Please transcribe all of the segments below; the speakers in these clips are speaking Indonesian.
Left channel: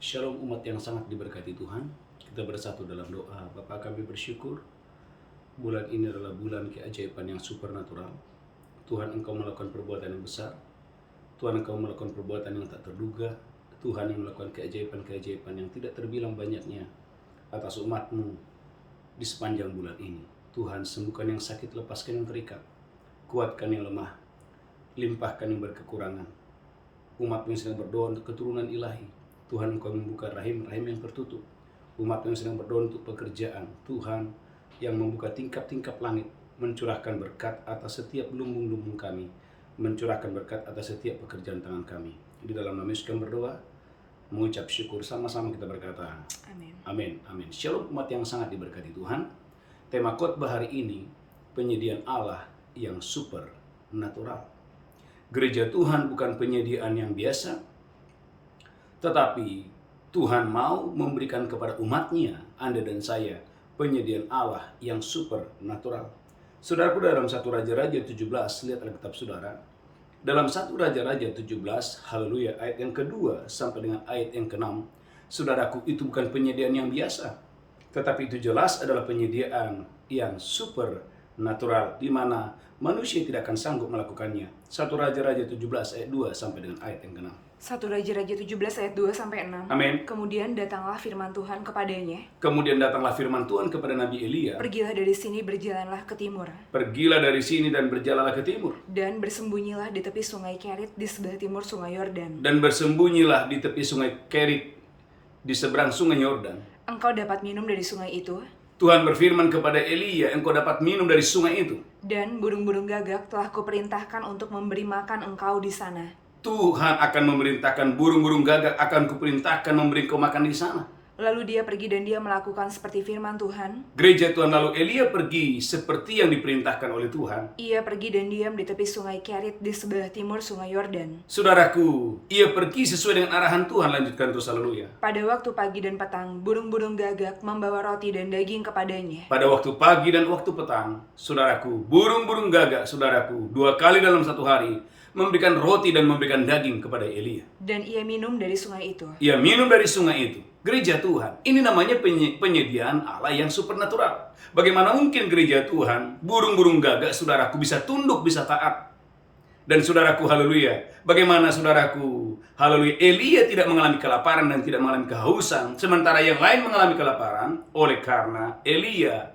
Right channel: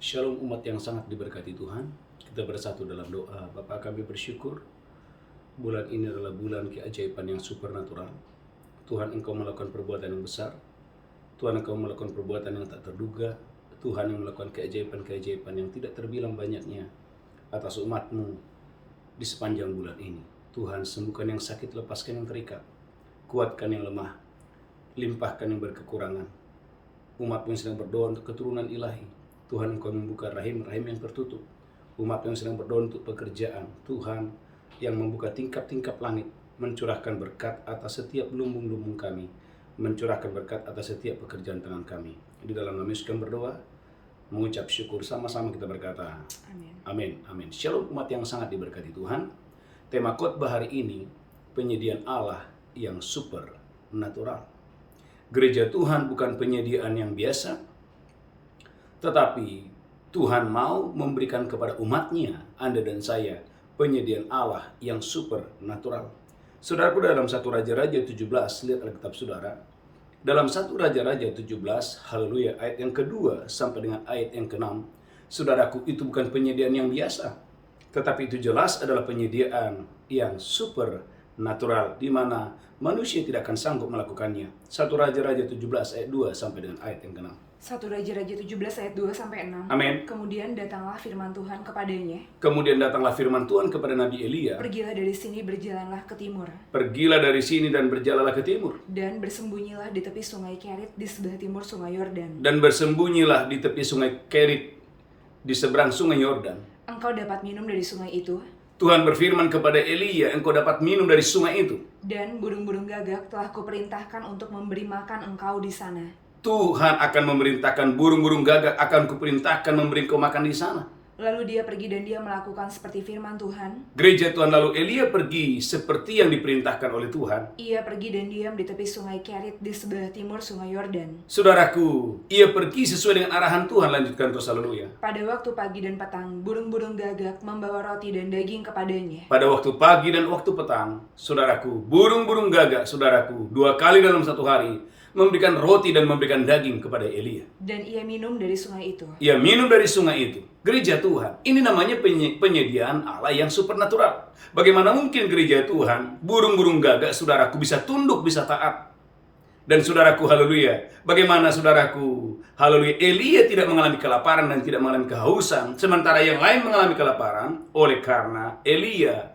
Shalom umat yang sangat diberkati Tuhan. Kita bersatu dalam doa. Bapa, kami bersyukur bulan ini adalah bulan keajaiban yang supernatural. Tuhan, Engkau melakukan perbuatan yang besar. Tuhan, Engkau melakukan perbuatan yang tak terduga. Tuhan yang melakukan keajaiban-keajaiban yang tidak terbilang banyaknya atas umat-Mu di sepanjang bulan ini. Tuhan, sembuhkan yang sakit, lepaskan yang terikat, kuatkan yang lemah, limpahkan yang berkekurangan. Umat-Mu yang sedang berdoa untuk keturunan ilahi, Tuhan, Engkau membuka rahim-rahim yang tertutup. Umat yang sedang berdoa untuk pekerjaan, Tuhan yang membuka tingkap-tingkap langit, mencurahkan berkat atas setiap lumbung-lumbung kami, mencurahkan berkat atas setiap pekerjaan tangan kami. Di dalam nama Yesus kami berdoa, mengucap syukur, sama-sama kita berkata, Amin. Amin. Amin. Shalom umat yang sangat diberkati Tuhan. Tema khotbah hari ini, penyediaan Allah yang supernatural. Gereja Tuhan bukan penyediaan yang biasa, tetapi Tuhan mau memberikan kepada umatnya, Anda dan saya, penyediaan Allah yang supernatural. Saudaraku, dalam 1 Raja-Raja 17, lihat Alkitab saudara. Dalam 1 Raja-Raja 17, haleluya, ayat yang kedua sampai dengan ayat yang ke-6, saudaraku, itu bukan penyediaan yang biasa, tetapi itu jelas adalah penyediaan yang supernatural, di mana manusia tidak akan sanggup melakukannya. 1 Raja-Raja 17 ayat 2 sampai dengan ayat yang ke-6. 1 Raja-Raja 17 ayat 2 sampai 6. Amin. Kemudian datanglah firman Tuhan kepadanya. Kemudian datanglah firman Tuhan kepada Nabi Elia. Pergilah dari sini, berjalanlah ke timur. Pergilah dari sini dan berjalanlah ke timur. Dan bersembunyilah di tepi sungai Kerit di sebelah timur sungai Yordan. Dan bersembunyilah di tepi sungai Kerit di seberang sungai Yordan. Engkau dapat minum dari sungai itu. Tuhan berfirman kepada Elia, engkau dapat minum dari sungai itu. Dan burung-burung gagak telah kuperintahkan untuk memberi makan engkau di sana. Tuhan akan memerintahkan burung-burung gagak, akan kuperintahkan memberi engkau makan di sana. Lalu dia pergi dan dia melakukan seperti firman Tuhan. Gereja Tuhan, lalu Elia pergi seperti yang diperintahkan oleh Tuhan. Ia pergi dan diam di tepi sungai Kerit di sebelah timur sungai Yordan. Saudaraku, ia pergi sesuai dengan arahan Tuhan. Lanjutkan terus, haleluya. Pada waktu pagi dan petang, burung-burung gagak membawa roti dan daging kepadanya. Pada waktu pagi dan waktu petang, saudaraku, burung-burung gagak, saudaraku, 2 kali dalam satu hari, memberikan roti dan memberikan daging kepada Elia. Dan ia minum dari sungai itu. Ia minum dari sungai itu. Gereja Tuhan, ini namanya penyediaan Allah yang supernatural. Bagaimana mungkin gereja Tuhan, burung-burung gagak, saudaraku, bisa tunduk, bisa taat. Dan saudaraku, haleluya, bagaimana saudaraku, haleluya, Elia tidak mengalami kelaparan dan tidak mengalami kehausan, sementara yang lain mengalami kelaparan, oleh karena Elia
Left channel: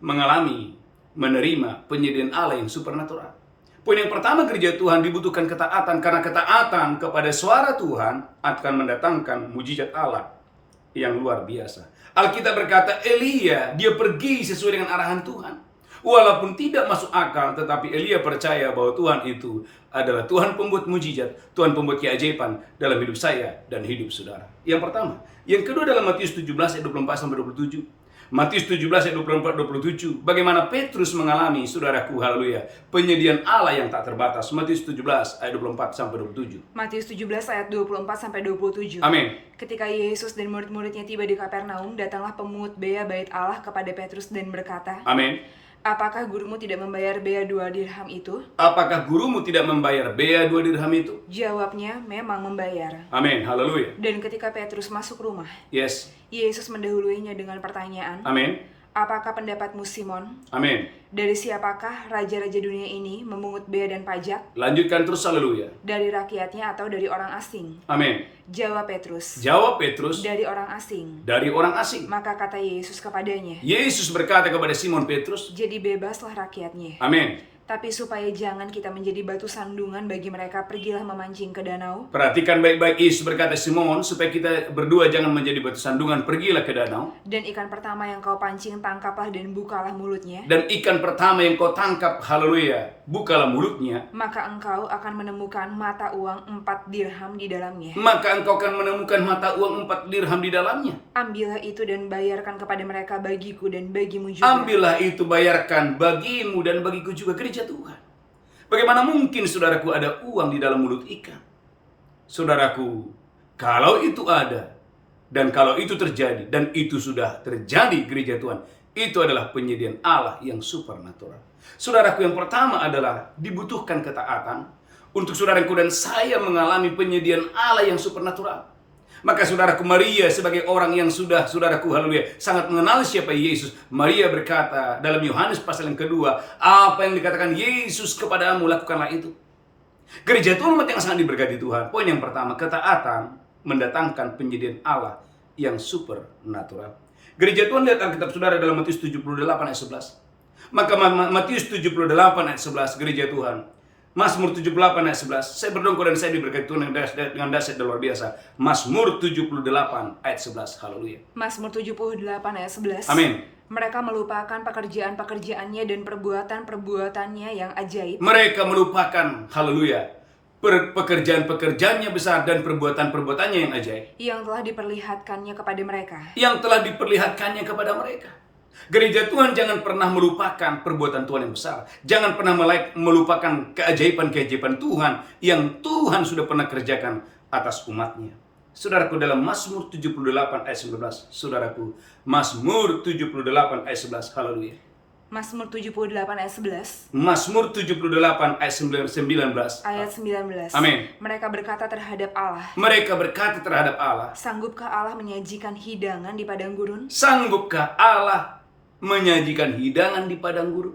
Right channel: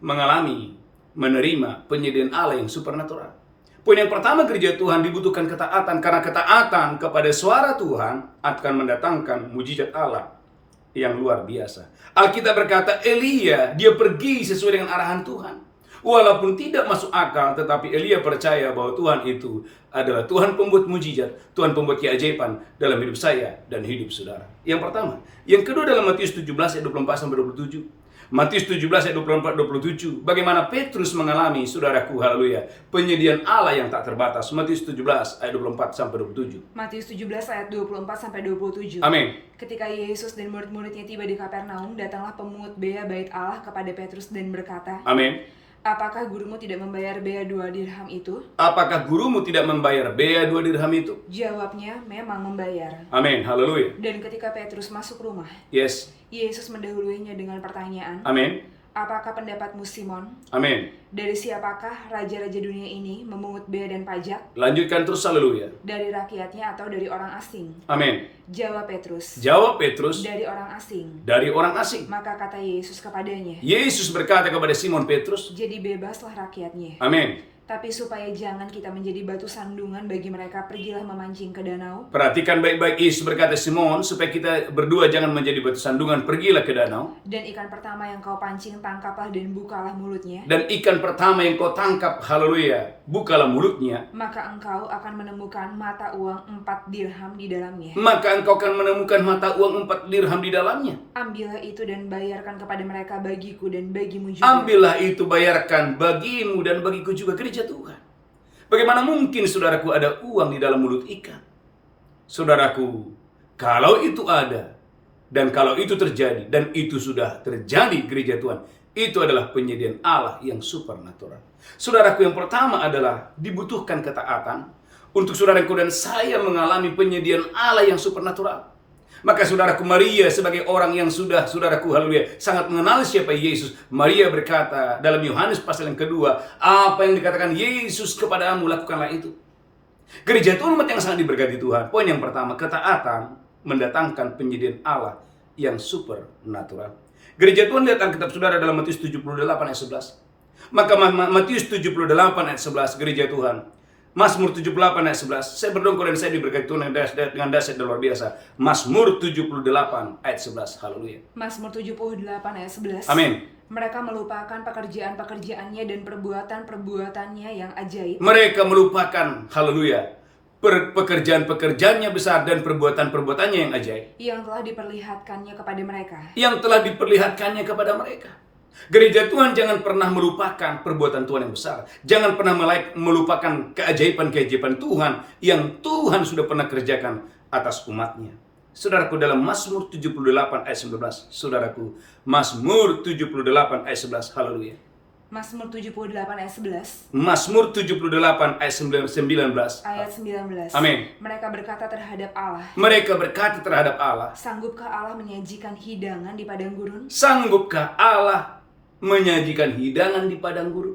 menerima penyediaan Allah yang supernatural. Poin yang pertama, gereja Tuhan dibutuhkan ketaatan, karena ketaatan kepada suara Tuhan akan mendatangkan mujizat Allah yang luar biasa. Alkitab berkata Elia, dia pergi sesuai dengan arahan Tuhan. Walaupun tidak masuk akal, tetapi Elia percaya bahwa Tuhan itu adalah Tuhan pembuat mujizat, Tuhan pembuat keajaiban dalam hidup saya dan hidup saudara. Yang pertama. Yang kedua, dalam Matius 17 ayat 24-27. Matius 17 ayat 24-27. Bagaimana Petrus mengalami, saudaraku, haleluya, penyediaan Allah yang tak terbatas. Matius 17 ayat 24-27. Matius 17 ayat 24-27. Amin. Ketika Yesus dan murid-muridnya tiba di Kapernaum, datanglah pemungut bea bait Allah kepada Petrus dan berkata, Amin. apakah gurumu tidak membayar bea 2 dirham itu? Apakah gurumu tidak membayar bea 2 dirham itu? Jawabnya, memang membayar. Amin. Haleluya. Dan ketika Petrus masuk rumah, Yes. Yesus mendahuluinya dengan pertanyaan, Amin. apakah pendapatmu Simon? Amin. Dari siapakah raja-raja dunia ini memungut bea dan pajak? Lanjutkan terus, haleluya. Dari rakyatnya atau dari orang asing? Amin. Jawab Petrus, Jawab Petrus, dari orang asing. dari orang asing. Maka kata Yesus kepadanya, Yesus berkata kepada Simon Petrus, jadi bebaslah rakyatnya. amin. Tapi supaya jangan kita menjadi batu sandungan bagi mereka, pergilah memancing ke danau. Perhatikan baik-baik, Yesus berkata, Simon, supaya kita berdua jangan menjadi batu sandungan, pergilah ke danau. Dan ikan pertama yang kau pancing, tangkaplah dan bukalah mulutnya. Dan ikan pertama yang kau tangkap, haleluya, bukalah mulutnya. Maka engkau akan menemukan mata uang 4 dirham di dalamnya. Maka engkau akan menemukan mata uang 4 dirham di dalamnya. Ambillah itu dan bayarkan kepada mereka bagiku dan bagimu juga. Ambillah itu, bayarkan bagimu dan bagiku juga. Gereja Tuhan, bagaimana mungkin, saudaraku, ada uang di dalam mulut ikan? Saudaraku, kalau itu ada, dan kalau itu terjadi, dan itu sudah terjadi, gereja Tuhan, itu adalah penyediaan Allah yang supernatural. Saudaraku, yang pertama adalah dibutuhkan ketaatan untuk saudaraku dan saya mengalami penyediaan Allah yang supernatural. Maka saudaraku, Maria sebagai orang yang sudah, saudaraku, haleluya, sangat mengenal siapa Yesus. Maria berkata dalam Yohanes pasal yang kedua, apa yang dikatakan Yesus kepadamu, lakukanlah itu. Gereja Tuhan umat yang sangat diberkati Tuhan. Poin yang pertama, ketaatan mendatangkan penyediaan Allah yang supernatural. Gereja Tuhan, lihat Alkitab saudara dalam Matius 78 ayat 11. Maka Matius 78 ayat 11, gereja Tuhan. Mazmur 78 ayat 11. Saya berdongkol dan saya diberkati Tuhan dengan dahsyat dan luar biasa. Mazmur 78 ayat 11. Haleluya. Mazmur 78 ayat 11. Amin. Mereka melupakan pekerjaan-pekerjaannya dan perbuatan-perbuatannya yang ajaib. Mereka melupakan, haleluya, pekerjaan-pekerjaannya besar dan perbuatan-perbuatannya yang ajaib. Yang telah diperlihatkannya kepada mereka. Yang telah diperlihatkannya kepada mereka. Gereja Tuhan jangan pernah melupakan perbuatan Tuhan yang besar. Jangan pernah melupakan keajaiban-keajaiban Tuhan yang Tuhan sudah pernah kerjakan atas umatnya. Saudaraku, dalam Mazmur 78 ayat 11. Saudaraku, Mazmur 78 ayat 11. Haleluya. Mazmur 78 ayat 11. Mazmur 78 ayat 19. Ayat 19. Amin. Mereka berkata terhadap Allah. Mereka berkata terhadap Allah. Sanggupkah Allah menyajikan hidangan di padang gurun? Sanggupkah Allah menyajikan hidangan di padang gurun?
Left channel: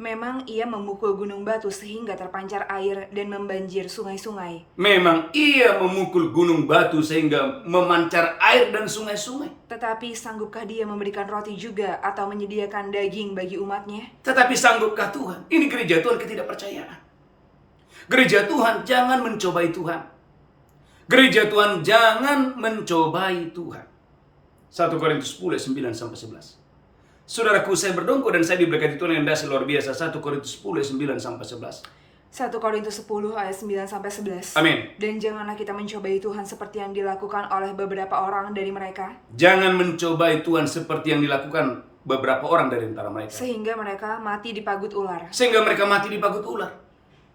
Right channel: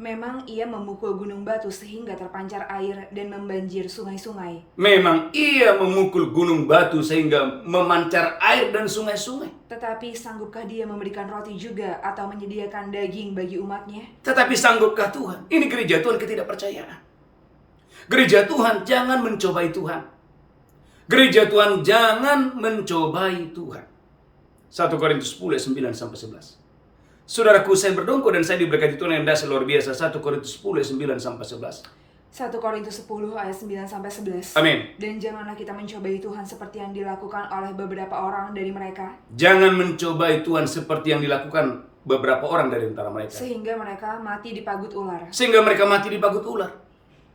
Memang ia memukul gunung batu sehingga terpancar air dan membanjir sungai-sungai. Memang ia memukul gunung batu sehingga memancar air dan sungai-sungai. Tetapi sanggupkah dia memberikan roti juga atau menyediakan daging bagi umatnya? Tetapi sanggupkah Tuhan? Ini gereja Tuhan ketidakpercayaan. Gereja Tuhan jangan mencobai Tuhan. Gereja Tuhan jangan mencobai Tuhan. 1 Korintus 10 ayat 9-11. Saudaraku, saya berdongkol dan saya diberkati Tuhan yang dahsyat luar biasa. 1 Korintus 10 ayat 9-11. 1 Korintus 10 ayat 9-11. Amin. Dan janganlah kita mencobai Tuhan seperti yang dilakukan oleh beberapa orang dari mereka. Jangan mencobai Tuhan seperti yang dilakukan beberapa orang dari antara mereka. Sehingga mereka mati dipagut ular. Sehingga mereka mati dipagut ular.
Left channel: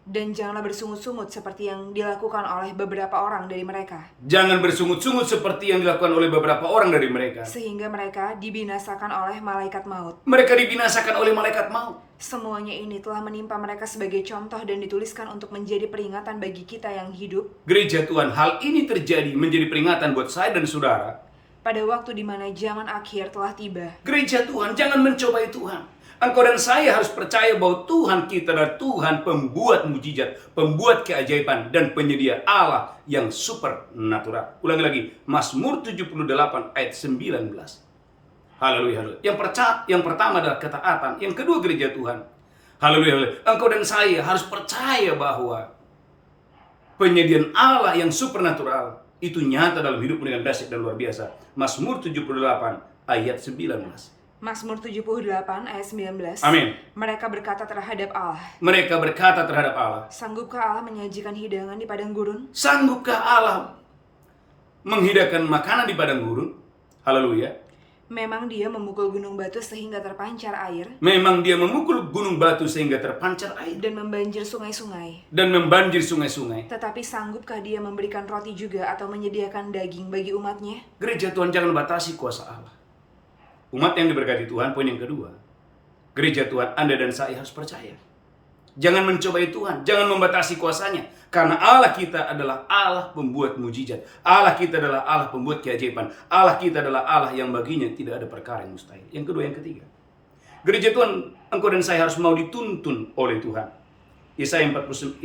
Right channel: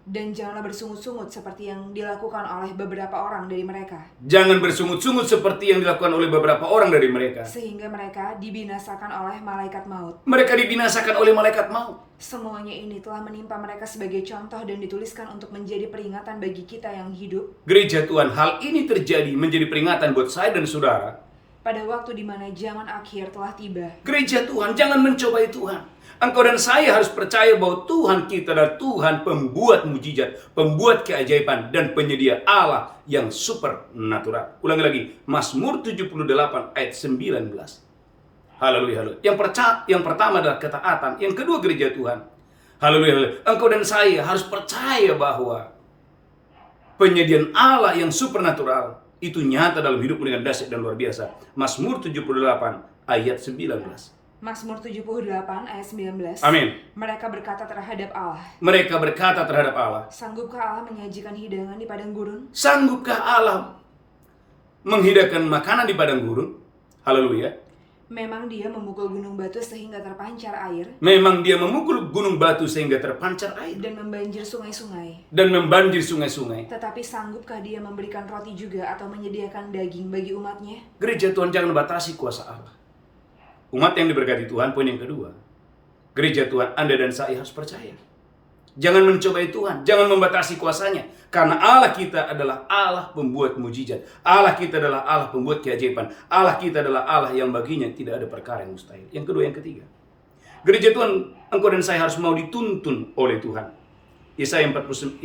Dan janganlah bersungut-sungut seperti yang dilakukan oleh beberapa orang dari mereka. Jangan bersungut-sungut seperti yang dilakukan oleh beberapa orang dari mereka. Sehingga mereka dibinasakan oleh malaikat maut. Mereka dibinasakan oleh malaikat maut. Semuanya ini telah menimpa mereka sebagai contoh dan dituliskan untuk menjadi peringatan bagi kita yang hidup. Gereja Tuhan, hal ini terjadi menjadi peringatan buat saya dan saudara. Pada waktu di mana zaman akhir telah tiba. Gereja Tuhan, jangan mencobai Tuhan. Engkau dan saya harus percaya bahwa Tuhan kita adalah Tuhan pembuat mujizat, pembuat keajaiban, dan penyedia Allah yang supernatural. Ulangi lagi, Mazmur 78 ayat 19. Haleluya, haleluya. Yang pertama adalah ketaatan. Yang kedua, gereja Tuhan. Haleluya, haleluya. Engkau dan saya harus percaya bahwa penyediaan Allah yang supernatural itu nyata dalam hidupmu dengan dahsyat dan luar biasa. Mazmur 78 ayat 19. Mazmur 78 ayat 19. Amin. Mereka berkata terhadap Allah. Mereka berkata terhadap Allah. Sanggupkah Allah menyajikan hidangan di padang gurun? Sanggupkah Allah menghidangkan makanan di padang gurun? Haleluya. Memang dia memukul gunung batu sehingga terpancar air. Memang dia memukul gunung batu sehingga terpancar air. Dan membanjir sungai-sungai. Dan membanjir sungai-sungai. Tetapi sanggupkah dia memberikan roti juga atau menyediakan daging bagi umatnya? Gereja Tuhan, jangan batasi kuasa Allah. Umat yang diberkati Tuhan, poin yang kedua. Gereja Tuhan, Anda dan saya harus percaya. Jangan mencobai Tuhan, jangan membatasi kuasanya. Karena Allah kita adalah Allah pembuat mujizat. Allah kita adalah Allah pembuat keajaiban. Allah kita adalah Allah yang baginya tidak ada perkara yang mustahil. Yang kedua, yang ketiga. Gereja Tuhan, engkau dan saya harus mau dituntun oleh Tuhan. Yesaya 48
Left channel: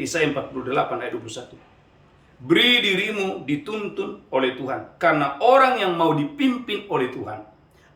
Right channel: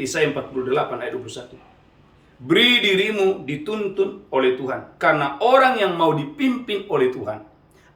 ayat 21. Beri dirimu dituntun oleh Tuhan. Karena orang yang mau dipimpin oleh Tuhan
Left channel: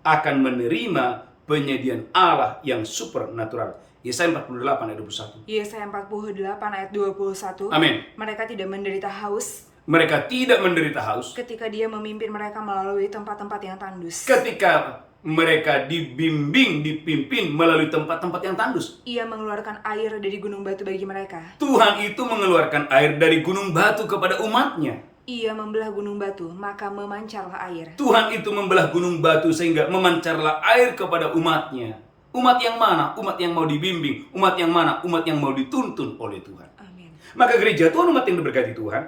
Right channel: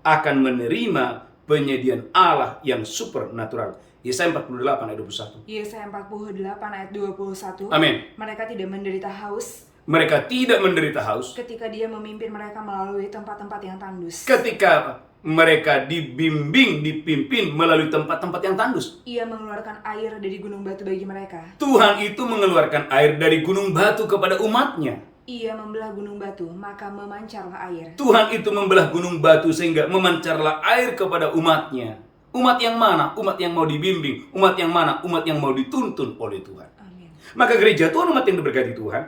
akan menerima penyediaan Allah yang supernatural. Yesaya 48 ayat 21. Yesaya 48 ayat 21. Amin. Mereka tidak menderita haus. Mereka tidak menderita haus. Ketika dia memimpin mereka melalui tempat-tempat yang tandus. Ketika mereka dipimpin melalui tempat-tempat yang tandus. Ia mengeluarkan air dari gunung batu bagi mereka. Tuhan itu mengeluarkan air dari gunung batu kepada umatnya. Ia membelah gunung batu, maka memancarlah air. Tuhan itu membelah gunung batu sehingga memancarlah air kepada umatnya. Umat yang mana? Umat yang mau dibimbing. Umat yang mana? Umat yang mau dituntun oleh Tuhan. Amin. Maka gereja Tuhan, umat yang diberkati Tuhan.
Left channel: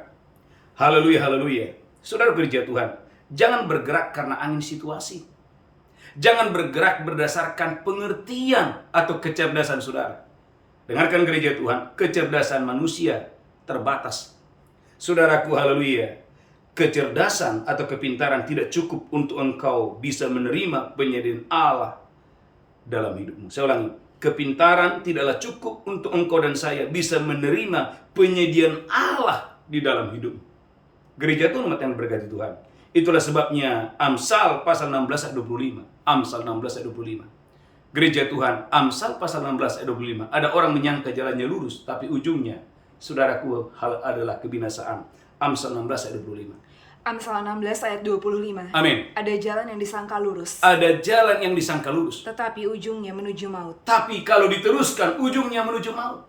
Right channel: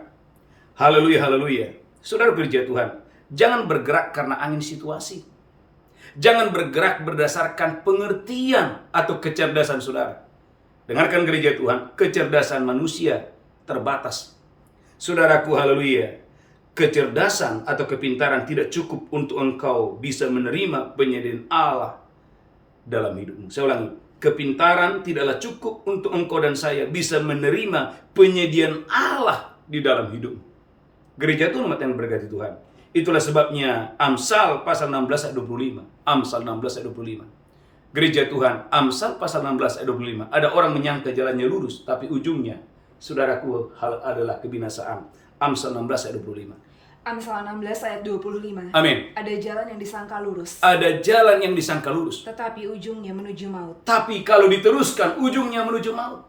Haleluya, haleluya. Saudara gereja Tuhan, jangan bergerak karena angin situasi. Jangan bergerak berdasarkan pengertian atau kecerdasan saudara. Dengarkan gereja Tuhan, kecerdasan manusia terbatas. Saudaraku, haleluya. kecerdasan atau kepintaran tidak cukup untuk engkau bisa menerima penyediaan Allah dalam hidupmu. Saya ulangi, kepintaran tidaklah cukup untuk engkau dan saya bisa menerima penyediaan Allah di dalam hidupmu. Gereja Tuhan umat yang berkati Tuhan. Itulah sebabnya Amsal pasal 16 ayat 25. Amsal 16 ayat 25. Gereja Tuhan, Amsal pasal 16 ayat 25. Ada orang menyangka jalannya lurus, tapi ujungnya, saudaraku, hal adalah kebinasaan. Amsal 16 ayat 25. Amsal 16 ayat 25. Amin. Ada jalan yang disangka lurus, Ada jalan yang disangka lurus, tetapi ujungnya menuju maut. tapi kalau diteruskan, ujungnya menuju maut.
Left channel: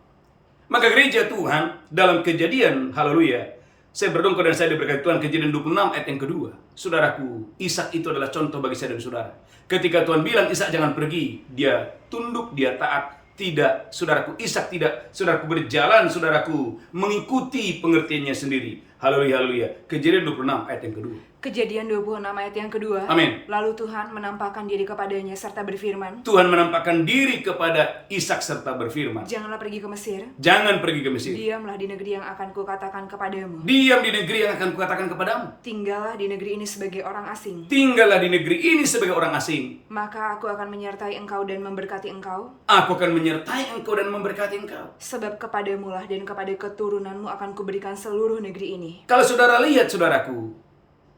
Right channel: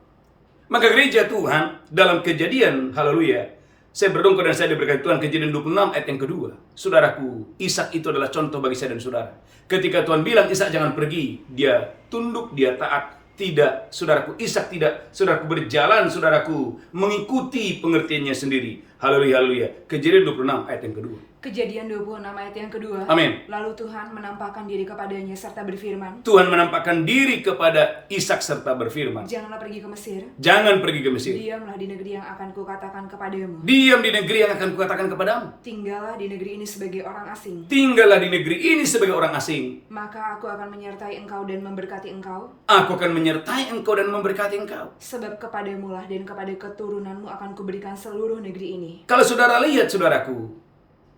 Maka gereja Tuhan, dalam Kejadian, haleluya, saya berdongkol dan saya diberkati Tuhan, Kejadian 26 ayat yang kedua. Saudaraku, Ishak itu adalah contoh bagi saya dan saudara. Ketika Tuhan bilang Ishak jangan pergi, dia tunduk, dia taat. Tidak, saudaraku, Ishak tidak, saudaraku, berjalan, saudaraku, mengikuti pengertiannya sendiri. Haleluya, haleluya. Kejadian 26 ayat yang kedua. Kejadian 26 ayat yang kedua. Amin. Lalu Tuhan menampakkan diri kepadanya serta berfirman, Tuhan menampakkan diri kepada Ishak serta berfirman, janganlah pergi ke Mesir, jangan pergi ke Mesir. diamlah di negeri yang akan kukatakan kepadamu. Diam di negeri yang akan kukatakan kepadamu. Tinggallah di negeri ini sebagai orang asing. Tinggallah di negeri ini sebagai orang asing. Maka aku akan menyertai engkau dan memberkati engkau, Aku akan menyertai engkau dan memberkati engkau. sebab kepadamulah dan kepada keturunanmu akan kuberikan seluruh negeri ini. Kalau saudara lihat, saudaraku,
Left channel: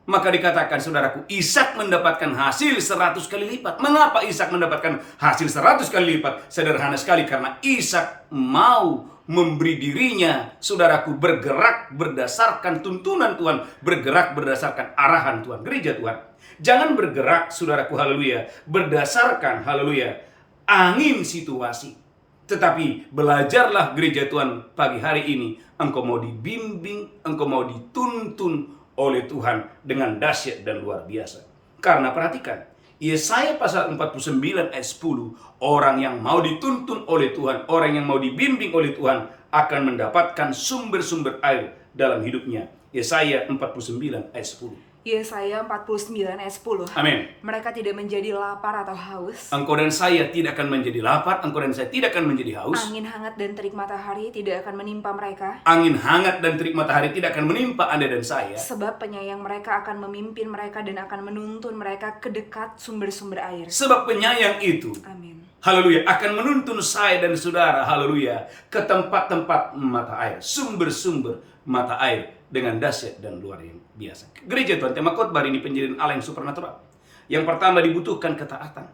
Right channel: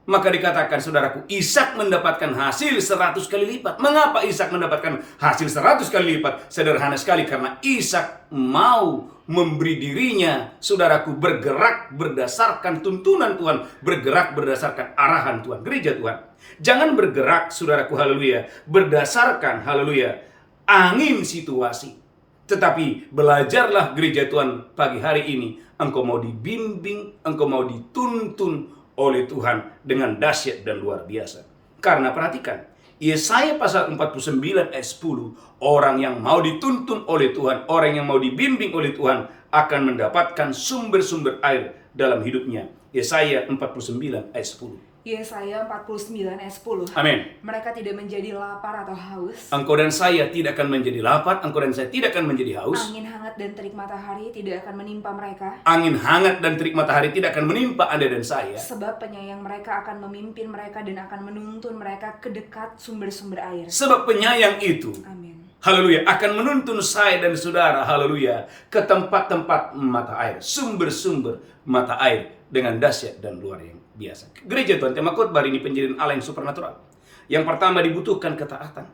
maka dikatakan, saudaraku, Ishak mendapatkan hasil 100 kali lipat. Mengapa Ishak mendapatkan hasil 100 kali lipat? Sederhana sekali, karena Ishak mau memberi dirinya, saudaraku, bergerak berdasarkan tuntunan Tuhan, bergerak berdasarkan arahan Tuhan. Gereja Tuhan, jangan bergerak, saudaraku, haleluya, berdasarkan, haleluya, angin situasi. Tetapi belajarlah gereja Tuhan pagi hari ini. Engkau mau dibimbing, engkau mau dituntun oleh Tuhan dengan dahsyat dan luar biasa. Karena perhatikan, Yesaya pasal 49 ayat 10, orang yang mau dituntun oleh Tuhan, orang yang mau dibimbing oleh Tuhan akan mendapatkan sumber-sumber air dalam hidupnya. Yesaya 49 ayat 10. Yesaya 49 ayat 10. Amin. Mereka tidak menjadi lapar atau haus. Engkau dan saya tidak akan menjadi lapar, engkau dan saya tidak akan menjadi haus. Angin hangat dan terik matahari tidak akan menimpa mereka. Angin hangat dan terik matahari tidak akan menimpa Anda dan saya. Sebab penyayang mereka akan memimpin mereka dan akan menuntun mereka ke dekat sumber-sumber air. Sebab penyayang itu, Amin. haleluya, akan menuntun saya dan saudara, haleluya, ke tempat-tempat mata air, sumber-sumber mata air dengan dahsyat dan luar yang biasa. Gereja Tuhan, tema khotbah ini penjadian Allah yang supernatural. Yang pertama dibutuhkan ketaatan.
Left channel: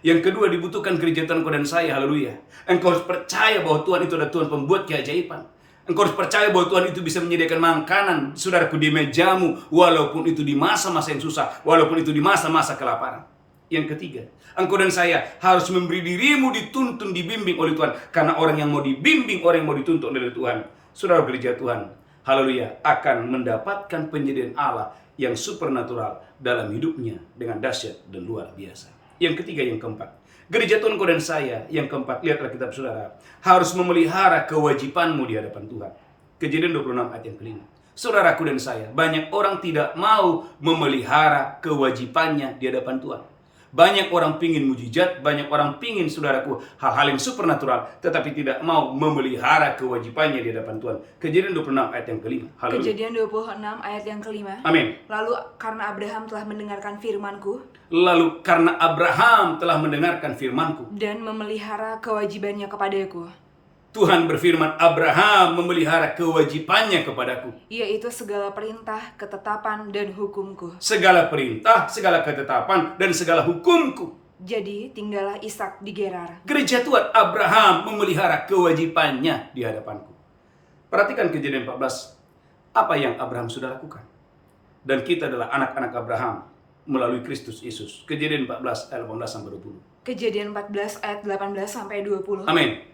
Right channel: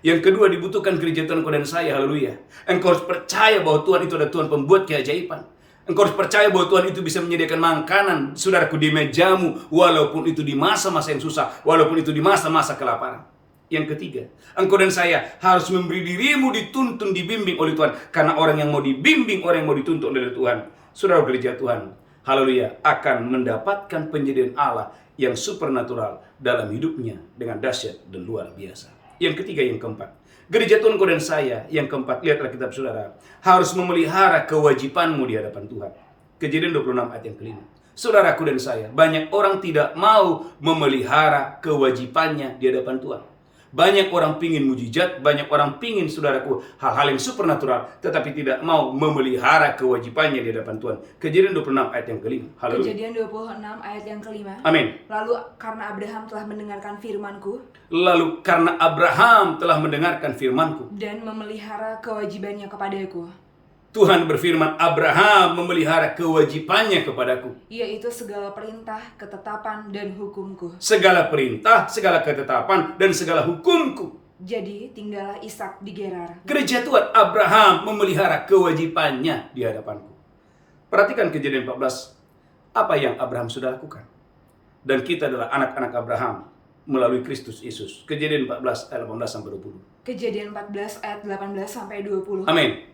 Yang kedua dibutuhkan gereja Tuhan, engkau dan saya, haleluya. Engkau harus percaya bahwa Tuhan itu adalah Tuhan pembuat keajaiban. Engkau harus percaya bahwa Tuhan itu bisa menyediakan makanan, saudaraku, di mejamu, walaupun itu di masa-masa yang susah, walaupun itu di masa-masa kelaparan. Yang ketiga, engkau dan saya harus memberi dirimu dituntun, dibimbing oleh Tuhan. Karena orang yang mau dibimbing, orang yang mau dituntun oleh Tuhan, saudara gereja Tuhan, haleluya, akan mendapatkan penyediaan Allah yang supernatural dalam hidupnya dengan dahsyat dan luar biasa. Yang ketiga, yang keempat, gereja Tuhan, engkau dan saya, yang keempat, lihatlah kitab saudara, harus memelihara kewajibanmu di hadapan Tuhan. Kejadian 26 ayat yang kelima. Saudaraku dan saya, banyak orang tidak mau memelihara kewajibannya di hadapan Tuhan. Banyak orang pingin mujizat, banyak orang pingin, saudaraku, hal-hal yang supernatural, tetapi tidak mau memelihara kewajibannya di hadapan Tuhan. Kejadian 26 ayat yang kelima. Haleluya. Kejadian 26 ayat yang kelima. Amin. Lalu karena Abraham telah mendengarkan firman-Ku Lalu karena Abraham telah mendengarkan firman-Ku, dan memelihara kewajibannya kepadaku, Tuhan berfirman, Abraham memelihara kewajibannya kepadaku. yaitu segala perintah, ketetapan, dan hukum-Ku. Segala perintah, segala ketetapan, dan segala hukumku. Jadi tinggallah Ishak di Gerar. Gereja Tuhan, Abraham memelihara kewajibannya di hadapanku. Perhatikan Kejadian 14. Apa yang Abraham sudah lakukan. Dan kita adalah anak-anak Abraham melalui Kristus Yesus. Kejadian 14 ayat 18-20. Kejadian 14 ayat 18-20. Amin.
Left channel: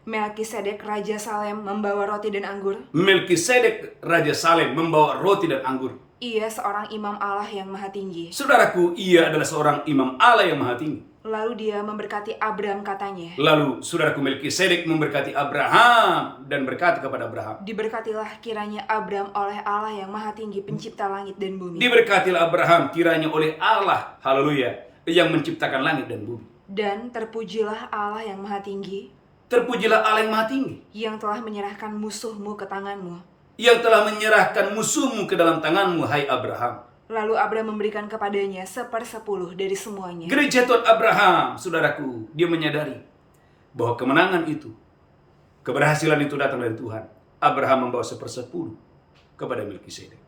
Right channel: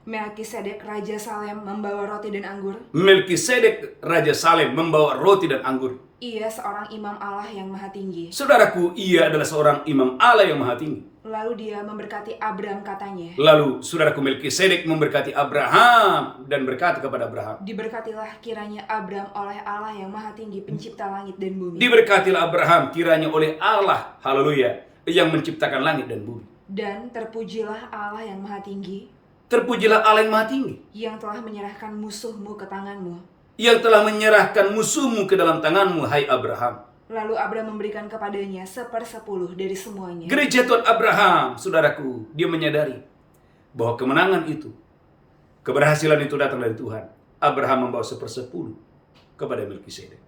Melkisedek Raja Salem membawa roti dan anggur. Melkisedek Raja Salem membawa roti dan anggur. Ia seorang imam Allah yang maha tinggi. Saudaraku, ia adalah seorang imam Allah yang maha tinggi. Lalu dia memberkati Abram katanya, Lalu saudaraku Melkisedek memberkati Abraham dan berkata kepada Abraham, diberkatilah kiranya Abram oleh Allah yang maha tinggi, pencipta langit dan bumi. diberkatilah Abraham kiranya oleh Allah, haleluya, yang menciptakan langit dan bumi. Dan terpujilah Allah yang maha tinggi, Terpujilah Allah yang maha tinggi, yang telah menyerahkan musuhmu ke tanganmu. yang telah menyerahkan musuhmu ke dalam tanganmu, hai Abraham. Lalu Abraham memberikan kepadanya 1/10 dari semuanya. Gereja Tuhan Abraham, saudaraku, dia menyadari bahwa kemenangan itu, keberhasilan itu datang dari Tuhan. Abraham membawa 1/10 kepada Melkisedek.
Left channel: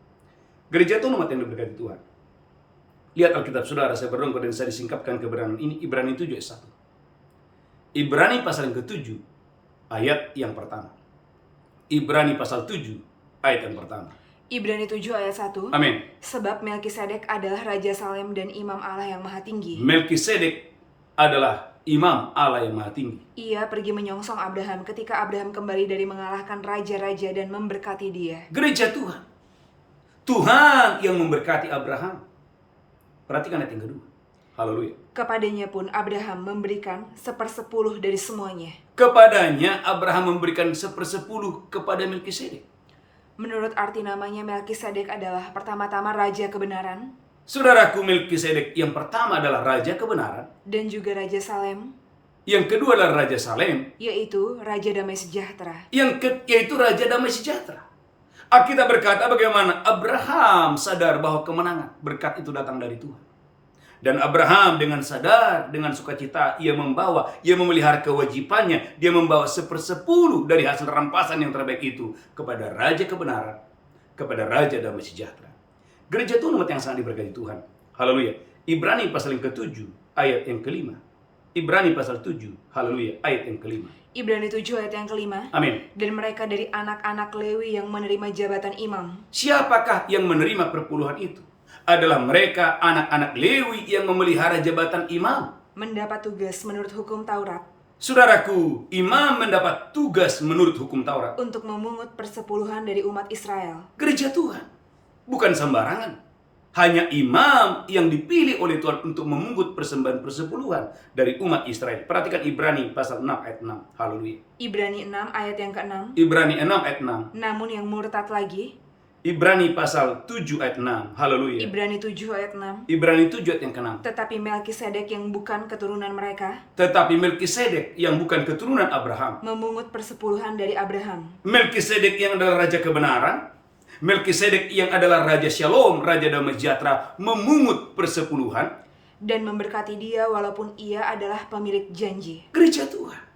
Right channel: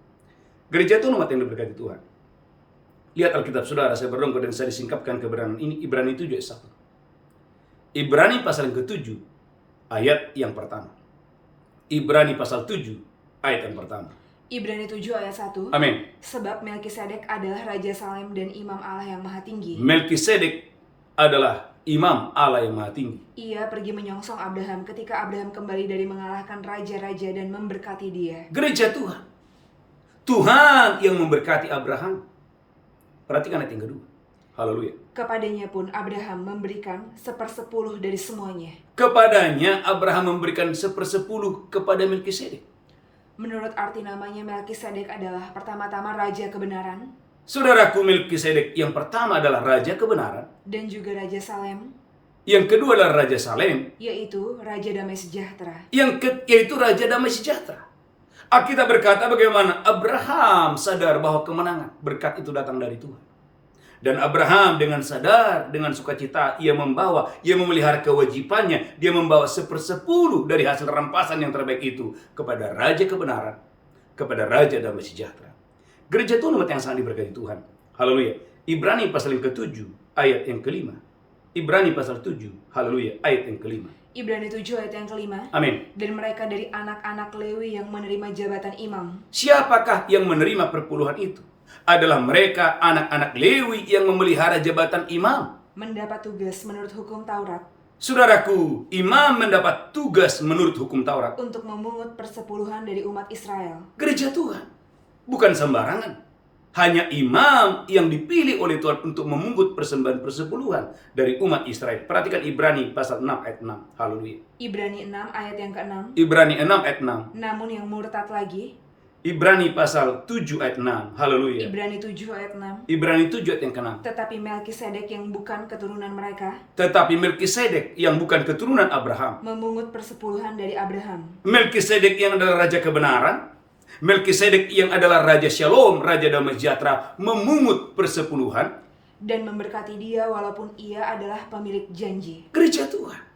Gereja Tuhan umat yang diberkati Tuhan. Lihat Alkitab saudara, saya berdoa dan saya disingkapkan kebenaran ini. Ibrani 7 ayat 1. Ibrani pasal yang ke-7 ayat yang pertama. Ibrani pasal 7 ayat yang pertama. Ibrani 7 ayat 1. Amin. Sebab Melkisedek adalah Raja Salem dan Imam Allah yang Maha Tinggi. Melkisedek adalah Imam Allah yang Maha Tinggi. Ia pergi menyongsong Abraham ketika Abraham kembali dari mengalahkan raja-raja dan memberkati dia. Gereja Tuhan. Tuhan yang memberkati Abraham. Perhatikan ayat yang kedua. Haleluya. Kepadanya pun Abraham memberikan 1/10 dari semuanya. Kepadanya Abraham memberikan 1/10 kepada Melkisedek. Menurut arti namanya, Melkisedek adalah pertama-tama Raja Kebenaran. Saudaraku, Melkisedek yang pertama adalah Raja Kebenaran. Dan juga Raja Salem. Yang kedua adalah Raja Salem. Yaitu Raja Damai Sejahtera. Yaitu Raja Damai Sejahtera. Alkitab berkata bagaimana Abraham sadar bahwa kemenangan, berkat itu datang dari Tuhan. Dan Abraham dengan sadar, dengan sukacita, ia memelihara kewajibannya, dia membawa 1/10 dari hasil rampasan yang terbaik itu kepada Raja Kebenaran, kepada Raja Damai Sejahtera. Gereja Tuhan umat yang sangat diberkati Tuhan. Haleluya. Ibrani pasal yang ke-7 ayat yang ke-5. Ibrani pasal 7, haleluya, ayat yang ke-5. Ibrani 7 ayat yang ke-5. Amin. Dan mereka dari anak-anak Lewi yang menerima jabatan imam. Siapakah yang menerima perpuluhan itu? Adalah mereka anak-anak Lewi yang memelihara jabatan imam. Mendapat tugas menurut hukum Taurat. Saudaraku, imam mendapat tugas menurut hukum Taurat. Untuk memungut persepuluhan dari umat Israel. Gereja Tuhan bukan sembarangan. Hanya imam yang dipilih oleh Tuhan untuk memungut persembahan persepuluhan dari umat Israel. Perhatikan Ibrani pasal 6 ayat 6. Haleluya. Ibrani 6 ayat yang ke-6. Ibrani 6 ayat 6. Namun yang murtad lagi. Ibrani pasal 7 ayat 6. Haleluya. Ibrani 7 ayat 6. Ibrani 7 ayat yang ke-6. Tetapi Melkisedek yang bukan keturunan mereka. Tetapi Melkisedek yang bukan keturunan Abraham. Memungut persepuluhan dari Abraham. Melkisedek yang adalah Raja Kebenaran. Melkisedek yang adalah Raja Shalom, Raja Damai Sejahtera, memungut persepuluhan. Dan memberkati dia walaupun ia adalah pemilik janji. Gereja Tuhan.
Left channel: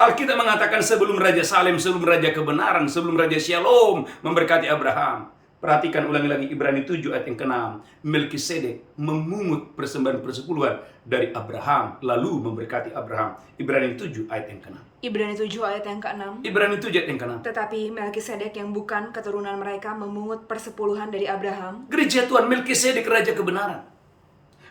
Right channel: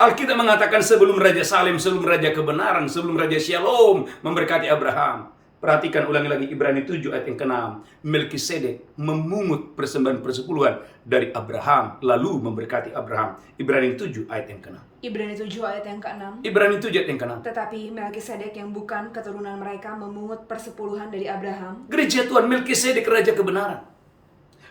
Alkitab mengatakan sebelum Raja Salem, sebelum Raja Kebenaran, sebelum Raja Shalom memberkati Abraham. Perhatikan ulangi lagi Ibrani 7 ayat yang ke-6. Melkisedek memungut persembahan persepuluhan dari Abraham, lalu memberkati Abraham. Ibrani 7 ayat yang ke-6. Ibrani 7 ayat yang ke-6. Ibrani 7 ayat yang ke-6. Tetapi Melkisedek yang bukan keturunan mereka memungut persepuluhan dari Abraham. Gereja Tuhan, Melkisedek Raja Kebenaran.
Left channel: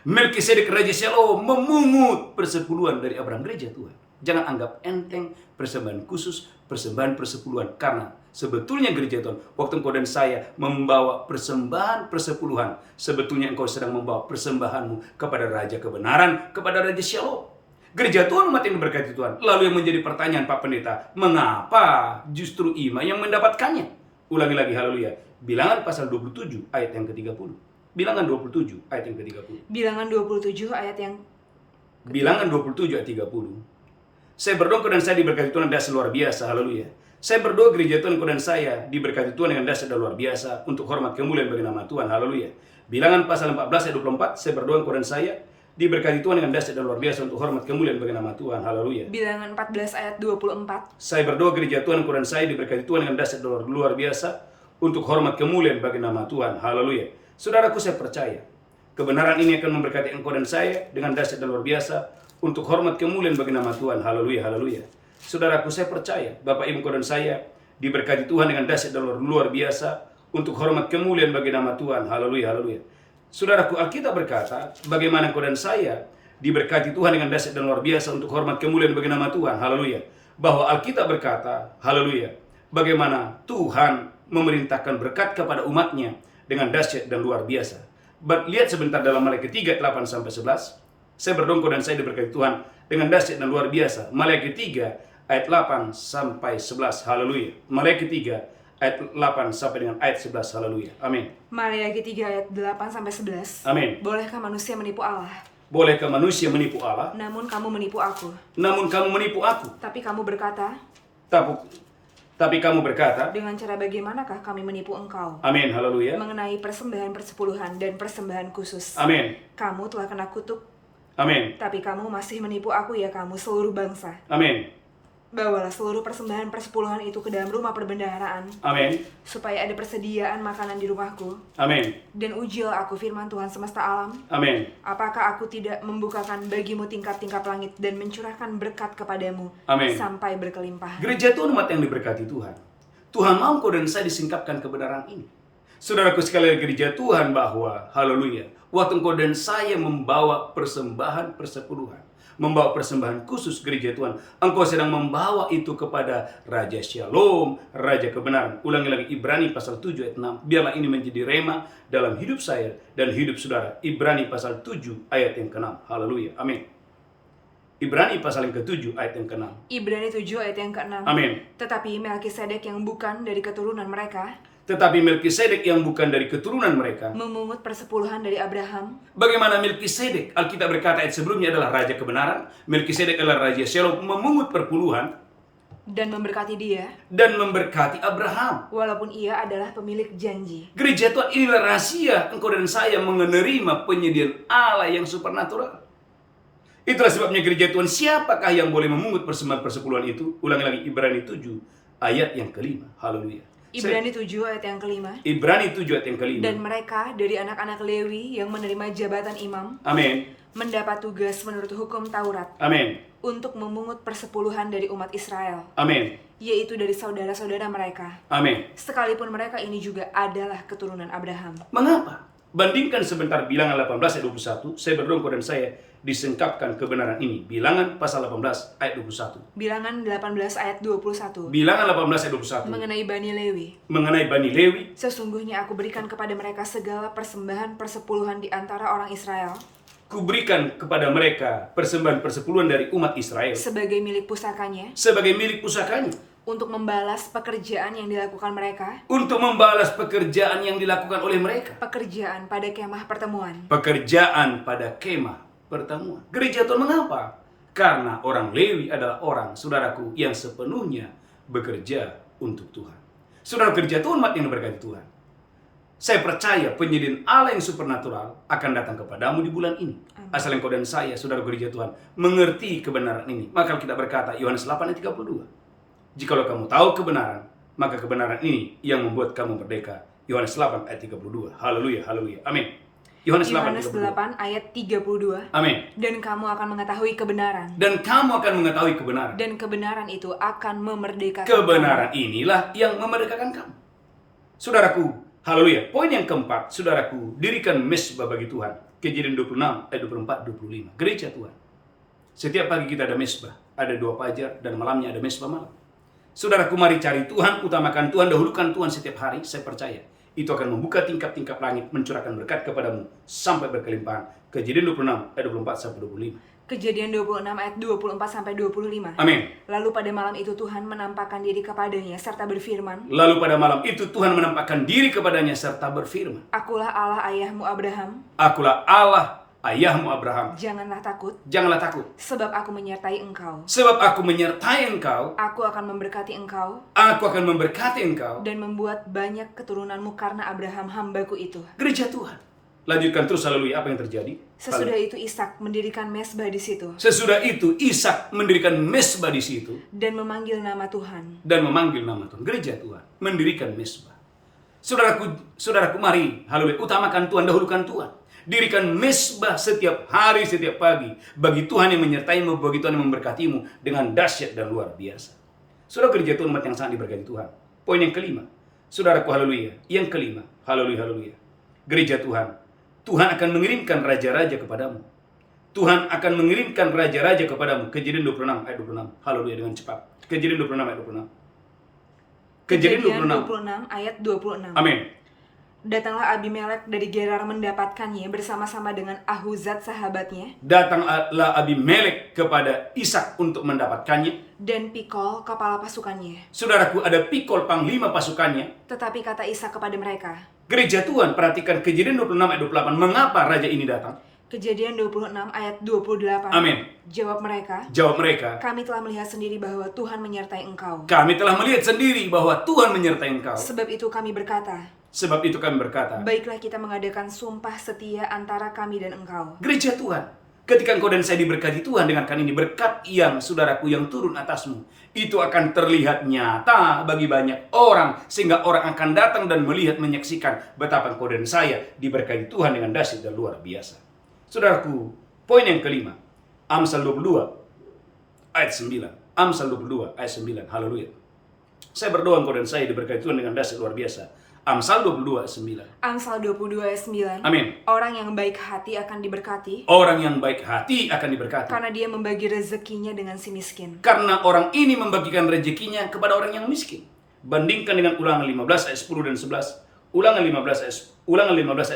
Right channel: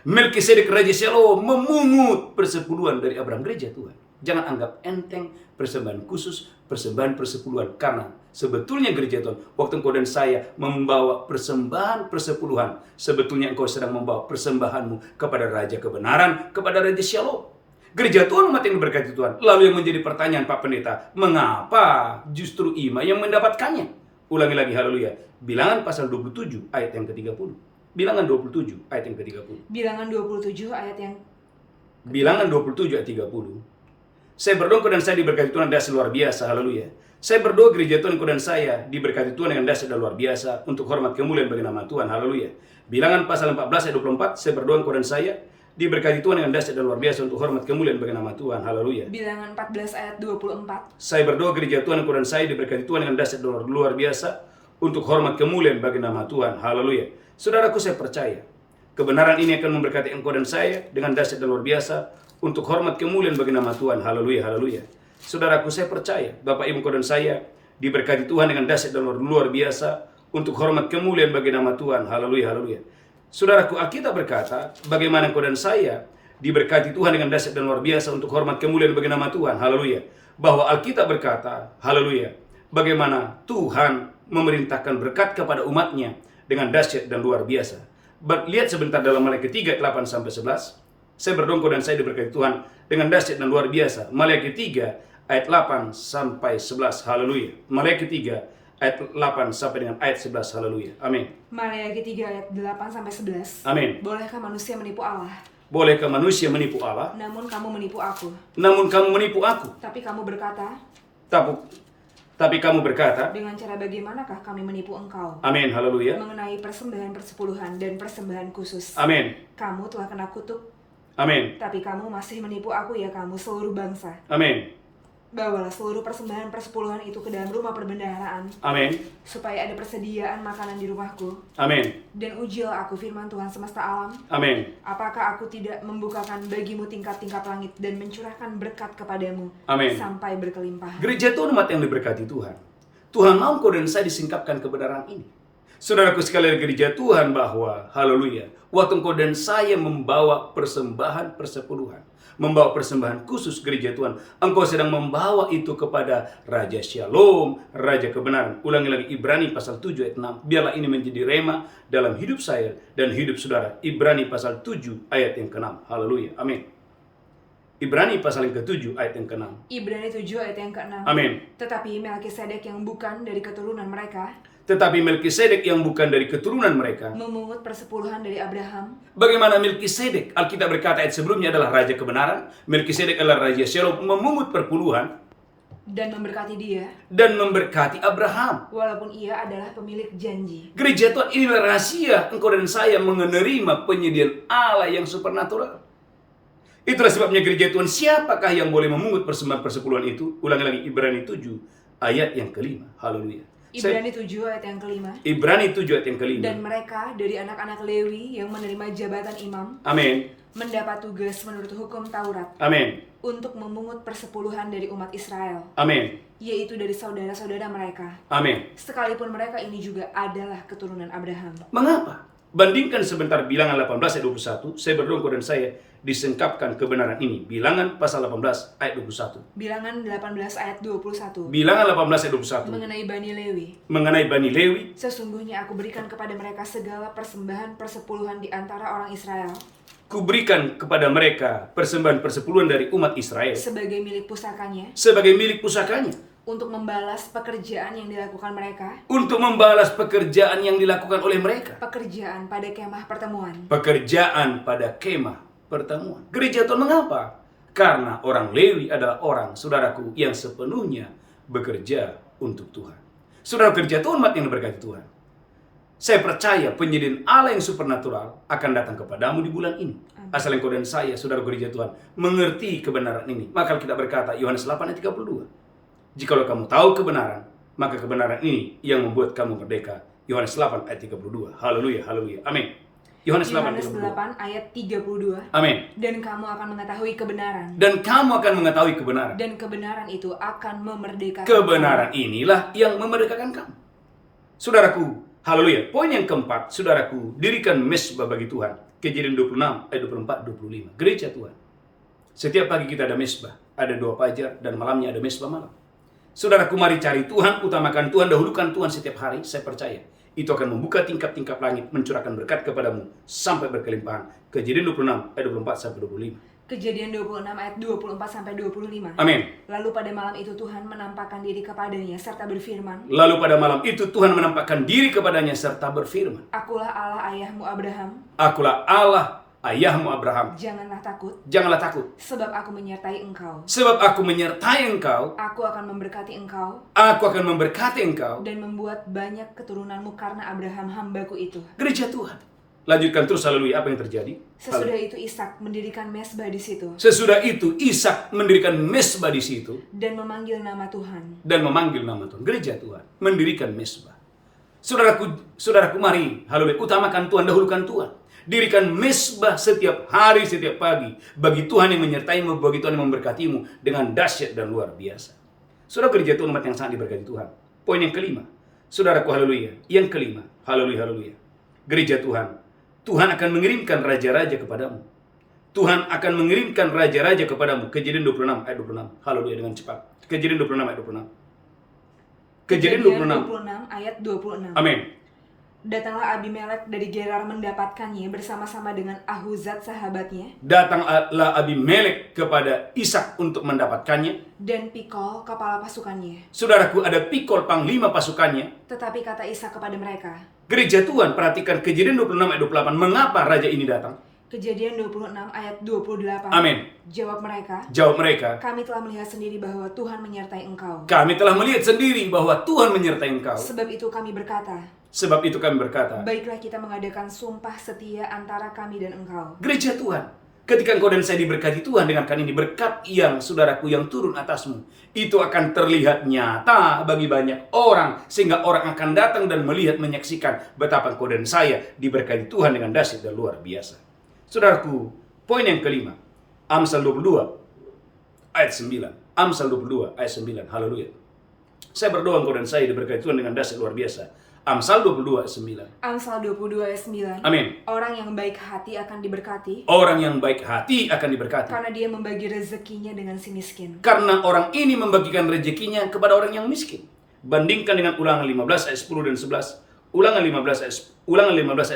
Melkisedek Raja Shalom memungut persepuluhan dari Abraham. Gereja Tuhan, jangan anggap enteng persembahan khusus, persembahan persepuluhan. Karena sebetulnya gereja Tuhan, waktu engkau dan saya membawa persembahan persepuluhan, sebetulnya engkau sedang membawa persembahanmu kepada Raja Kebenaran, kepada Raja Shalom. Gereja Tuhan umat yang diberkati Tuhan. Lalu yang menjadi pertanyaan Pak Pendeta, mengapa justru imam yang mendapatkannya? Ulangi lagi, haleluya. Bilangan pasal 27 ayat yang ke-30. Bilangan 27 ayat yang ke-30. Bilangan 27 ayat yang Bilangan 27 ayat 30. Saya berdoa dan saya diberkati Tuhan dengan dasar luar biasa. Haleluya. Saya berdoa gereja Tuhan dan saya diberkati Tuhan dengan dasar luar biasa untuk hormat kemuliaan bagi nama Tuhan. Haleluya. Bilangan pasal 14 ayat 24. Saya berdoa dan saya diberkati Tuhan dengan dasar luar biasa untuk hormat kemuliaan bagi nama Tuhan. Haleluya. Bilangan 14 ayat 24. Saya berdoa gereja Tuhan dan saya diberkati Tuhan dengan dasar luar biasa untuk hormat kemuliaan bagi nama Tuhan. Haleluya. Saudaraku, saya percaya kebenaran ini akan memberkati engkau dan saya dengan dasar luar biasa untuk hormat kemuliaan bagi nama Tuhan. Haleluya, haleluya. Saudaraku, saya percaya Bapak Ibu engkau dan saya diberkati Tuhan dengan dasar luar biasa untuk hormat kemuliaan bagi nama Tuhan. Haleluya, haleluya. Saudaraku, Alkitab berkata bagaimana engkau dan saya diberkati Tuhan dengan dasar luar biasa untuk hormat kemuliaan bagi nama Tuhan. Haleluya. Bahwa Alkitab berkata, haleluya, bagaimana Tuhan memerintahkan berkat kepada umatnya dengan dahsyat dan luar biasa. Lihat sebentar dalam Maliaki 3 8 sampai 11. Saya berdoa dan saya diberkati Tuhan dengan dahsyat dan luar biasa. Maliaki 3 ayat 8 sampai 11. Haleluya. Maliaki 3 ayat 8 sampai dengan ayat 11. Haleluya. Amin. Maliaki 3 ayat 8 sampai 11. Amin. Bolehkah manusia menipu Allah? Bolehkah manusia menipu Allah? Namun kamu menipu aku. Namun kamu menipu aku. Tapi kamu berkata, Tapi kamu berkata, dengan cara bagaimanakah kami menipu engkau? amin, haleluya, Mengenai persembahan persepuluhan dan persembahan khusus. amin, Kamu telah kena kutuk, amin, tapi kamu masih menipu aku ya kamu seluruh bangsa. amin, Bawalah seluruh persembahan persepuluhan itu ke dalam rumah perbendaharaan, amin, supaya ada persediaan makanan di rumahku. amin, Dan ujilah aku firman Tuhan semesta alam, amin, apakah aku tidak membukakan bagimu tingkap-tingkap langit dan mencurahkan berkat kepadamu Amin. sampai berkelimpahan. Gereja Tuhan umat yang diberkati Tuhan. Tuhan mau engkau dan saya disingkapkan kebenaran ini. Saudaraku sekalian gereja Tuhan bahwa, haleluya, waktu engkau dan saya membawa persembahan persepuluhan, membawa persembahan khusus gereja Tuhan, engkau sedang membawa itu kepada Raja Shalom, Raja Kebenaran. Ulangi lagi Ibrani pasal 7 ayat 6. Biarlah ini menjadi rema dalam hidup saya dan hidup saudara. Ibrani pasal 7 ayat yang ke-6. Haleluya. Amin. Ibrani pasal yang ke-7 ayat yang ke-6. Ibrani 7 ayat yang ke-6. Amin. Tetapi Melkisedek yang bukan dari keturunan mereka Tetapi Melkisedek yang bukan dari keturunan mereka. memungut persepuluhan dari Abraham. Bagaimana Melkisedek? Alkitab berkata ayat sebelumnya adalah Raja Kebenaran. Melkisedek adalah Raja Shalom, memungut perpuluhan Dan memberkati dia, dan memberkati Abraham. walaupun ia adalah pemilik janji. Gereja Tuhan, inilah rahasia engkau dan saya menerima penyediaan Allah yang supernatural. Itulah sebabnya gereja Tuhan, siapakah yang boleh memungut persembahan persepuluhan itu? Ulangi lagi Ibrani 7 ayat yang ke-5. Haleluya. Ibrani 7 ayat yang ke-5. Ibrani 7 ayat yang ke-5. Dan mereka dari anak-anak Lewi yang menerima jabatan imam Amin. mendapat tugas menurut hukum Taurat Amin. untuk memungut persepuluhan dari umat Israel, Amin. yaitu dari saudara-saudara mereka, Amin. sekalipun mereka ini juga adalah keturunan Abraham. Mengapa? Bandingkan sebentar Bilangan 18 ayat 21. Saya berdoa engkau dan saya disingkapkan kebenaran ini. Bilangan pasal 18 ayat 21. Bilangan 18 ayat 21. Bilangan 18 ayat 21. Mengenai Bani Lewi, Mengenai Bani Lewi, sesungguhnya aku berikan kepada mereka segala persembahan persepuluhan di antara orang Israel kuberikan kepada mereka persembahan persepuluhan dari umat Israel sebagai milik pusakanya, sebagai milik pusakanya, untuk membalas pekerjaan yang dilakukan mereka, untuk membalas pekerjaan yang dilakukan oleh mereka. pekerjaan pada kemah pertemuan. Pekerjaan pada kemah pertemuan. Gereja Tuhan mengapa? Karena orang Lewi adalah orang, saudaraku, yang sepenuhnya bekerja untuk Tuhan. Saudara, gereja Tuhan umat yang diberkati Tuhan. Saya percaya penyediaan Allah yang supernatural akan datang kepadamu di bulan ini. Asal engkau dan saya, saudara gereja Tuhan, mengerti kebenaran ini. Maka kita berkata, Yohanes 8 ayat 32. Jikalau kamu tahu kebenaran, maka kebenaran ini yang membuat kamu merdeka. Yohanes 8 ayat 32. Haleluya, haleluya. Amin. Yohanes 8 ayat Yohanes 32. 8 ayat 32. Amin. Dan kamu akan mengetahui kebenaran, Dan kamu akan mengetahui kebenaran. dan kebenaran itu akan memerdekakan Kebenaran inilah yang memerdekakan kamu. Saudaraku, haleluya. Poin yang keempat, saudaraku, dirikan mesbah bagi Tuhan. Kejadian 26 ayat 24 25. Gereja Tuhan. Setiap pagi kita ada mesbah, ada doa fajar, dan malamnya ada mesbah malam. Saudaraku, mari cari Tuhan, utamakan Tuhan, dahulukan Tuhan setiap hari. Saya percaya itu akan membuka tingkap-tingkap langit, mencurahkan berkat kepadamu sampai berkelimpahan. Kejadian 26 ayat 24 sampai 25. Kejadian 26 ayat 24 sampai 25. Amin. Lalu pada malam itu Tuhan menampakkan diri kepadanya serta berfirman, Lalu pada malam itu Tuhan menampakkan diri kepadanya serta berfirman, Akulah Allah ayahmu Abraham, Akulah Allah ayahmu Abraham. janganlah takut, Janganlah takut, sebab aku menyertai engkau. sebab aku menyertai engkau. Aku akan memberkati engkau Aku akan memberkati engkau. dan membuat banyak keturunanmu karena Abraham hambaku itu. Gereja Tuhan. Lanjutkan terus, haleluya. Apa yang terjadi? Sesudah itu Ishak mendirikan mesbah di situ Sesudah itu Ishak mendirikan mesbah di situ dan memanggil nama Tuhan. dan memanggil nama Tuhan. Gereja Tuhan mendirikan mesbah. Saudaraku, mari, haleluya, utamakan Tuhan, dahulukan Tuhan. Dirikan mesbah setiap hari, setiap pagi, bagi Tuhan yang menyertaimu, bagi Tuhan yang memberkatimu dengan dahsyat dan luar biasa. Saudara, gereja Tuhan umat yang sangat diberkati Tuhan. Poin yang kelima, saudaraku, haleluya. Yang kelima, haleluya, haleluya. Gereja Tuhan, Tuhan akan mengirimkan raja-raja kepadamu. Tuhan akan mengirimkan raja-raja kepadamu. Kejadian 26 ayat 26. Haleluya, dengan cepat. Kejadian 26 ayat 26. Kejadian 26 ayat 26. Amin. Datanglah Abimelek dari Gerar mendapatkannya bersama-sama dengan Ahuzat sahabatnya Datanglah Abimelek kepada Ishak untuk mendapatkannya. dan Pikol kepala pasukannya. Saudaraku, ada Pikol panglima pasukannya. Tetapi kata Ishak kepada mereka, Gereja Tuhan, perhatikan Kejadian 26 ayat 28. Mengapa raja ini datang? Kejadian 26 ayat 28. Amin. Jawab mereka, Jawab mereka, kami telah melihat sendiri bahwa Tuhan menyertai engkau. kami telah melihat sendiri bahwa Tuhan menyertai engkau. Sebab itu kami berkata, Sebab itu kami berkata, baiklah kita mengadakan sumpah setia antara kami dan engkau. gereja Tuhan, ketika engkau dan saya diberkati Tuhan dengan ini berkat yang saudaraku yang turun atasmu, itu akan terlihat nyata bagi banyak orang, sehingga orang akan datang dan melihat, menyaksikan betapa engkau dan saya diberkati Tuhan dengan dahsyat dan luar biasa. Saudaraku, poin yang kelima, Amsal 22 ayat 9. Amsal 22 ayat 9. Haleluya. Saya berdoa engkau dan saya diberkati Tuhan dengan dahsyat luar biasa. Amsal 22 ayat 9. Amsal 22 ayat 9. Amin. Orang yang baik hati akan diberkati, Orang yang baik hati akan diberkati. karena dia membagi rezekinya dengan si miskin. Karena orang ini membagikan rezekinya kepada orang yang miskin. Bandingkan dengan Ulangan 15 ayat 10 dan 11. Ulangan 15 ayat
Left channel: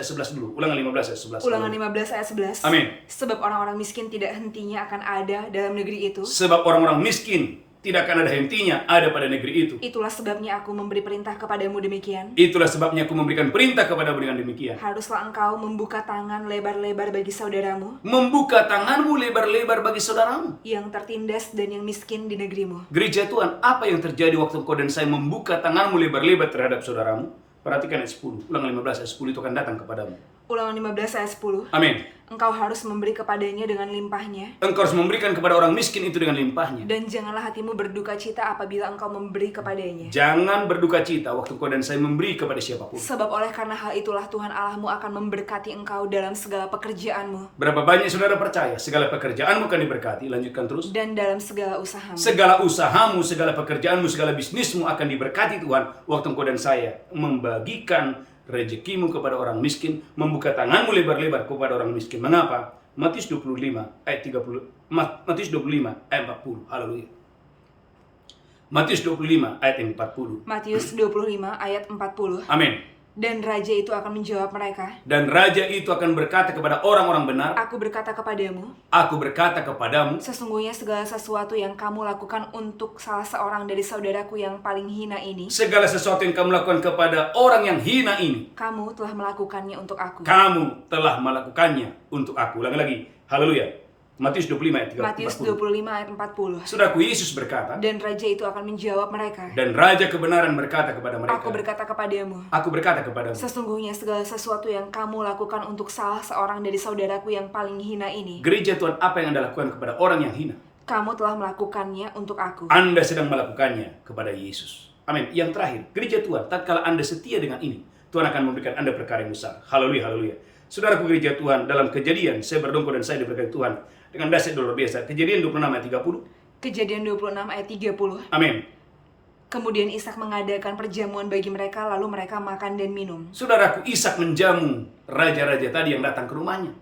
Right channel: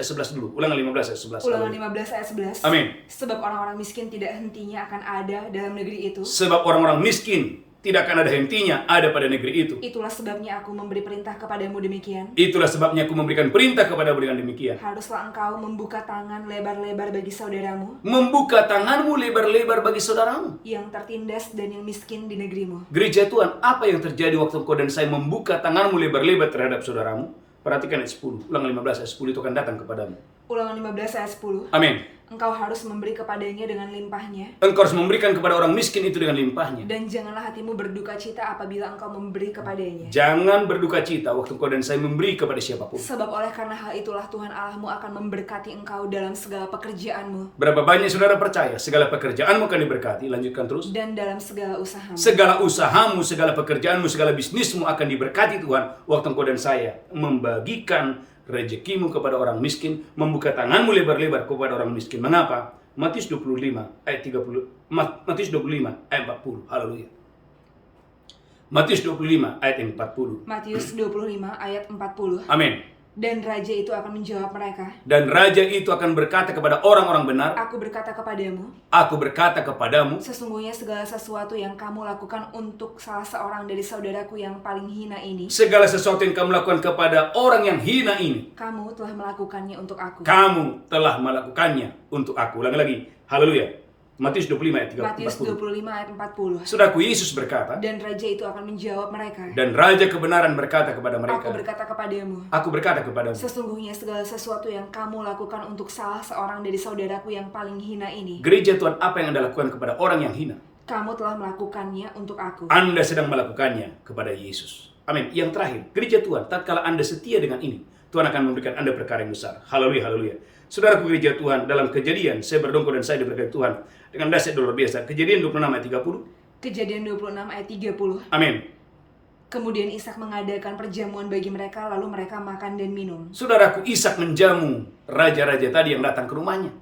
11 dulu. Ulangan 15 ayat 11. Ulangan 15 ayat 11. Amin. Sebab orang-orang miskin tidak hentinya akan ada dalam negeri itu. Sebab orang-orang miskin tidak akan ada hentinya ada pada negeri itu. Itulah sebabnya aku memberi perintah kepadamu demikian. Itulah sebabnya aku memberikan perintah kepadamu dengan demikian. Haruslah engkau membuka tangan lebar-lebar bagi saudaramu Membuka tanganmu lebar-lebar bagi saudaramu. yang tertindas dan yang miskin di negerimu. Gereja Tuhan, apa yang terjadi waktu engkau dan saya membuka tanganmu lebar-lebar terhadap saudaramu? Perhatikan ayat 10. Ulangan 15 ayat 10 itu akan datang kepadamu. Ulangan 15 ayat 10. Amin. Engkau harus memberi kepadanya dengan limpahnya, Engkau harus memberikan kepada orang miskin itu dengan limpahnya. dan janganlah hatimu berduka cita apabila engkau memberi kepadanya. Jangan berduka cita waktu engkau dan saya memberi kepada siapapun. Sebab oleh karena hal itulah Tuhan Allahmu akan memberkati engkau dalam segala pekerjaanmu Berapa banyak saudara percaya segala pekerjaanmu akan diberkati? Lanjutkan terus. dan dalam segala usahamu. Segala usahamu, segala pekerjaanmu, segala bisnismu akan diberkati Tuhan waktu engkau dan saya membagikan rezekimu kepada orang miskin, membuka tanganmu lebar-lebar kepada orang miskin. Mengapa? Matius 25 ayat 30. Matius 25 ayat 40. Haleluya. Matius 25 ayat yang 40. Matius 25 ayat 40. Amin. Dan raja itu akan menjawab mereka, Dan raja itu akan berkata kepada orang-orang benar, aku berkata kepadamu, aku berkata kepadamu, sesungguhnya segala sesuatu yang kamu lakukan untuk salah seorang dari saudaraku yang paling hina ini, segala sesuatu yang kamu lakukan kepada orang yang hina ini, kamu telah melakukannya untuk aku. kamu telah melakukannya untuk aku. Ulangi lagi. Haleluya. Matius 25 ayat 40. Matius 25 ayat 40. Saudaraku, Yesus berkata, Dan raja itu akan menjawab mereka, dan raja kebenaran berkata kepada mereka, aku berkata kepadamu, aku berkata kepadamu, sesungguhnya segala sesuatu yang kamu lakukan untuk salah seorang dari saudaraku yang paling hina ini, gereja Tuhan, apa yang Anda lakukan kepada orang yang hina, kamu telah melakukannya untuk aku. Anda sedang melakukannya kepada Yesus. Amin. Yang terakhir, gereja Tuhan, tatkala Anda setia dengan ini, Tuhan akan memberikan Anda perkara yang besar. Haleluya, haleluya. Saudaraku gereja Tuhan, dalam Kejadian, saya berdongko dan saya diberkati Tuhan dengan dahsyat luar biasa. Kejadian 26 ayat 30. Kejadian 26 ayat 30. Amin. Kemudian Ishak mengadakan perjamuan bagi mereka, lalu mereka makan dan minum. Saudaraku, Ishak menjamu raja-raja tadi yang datang ke rumahnya.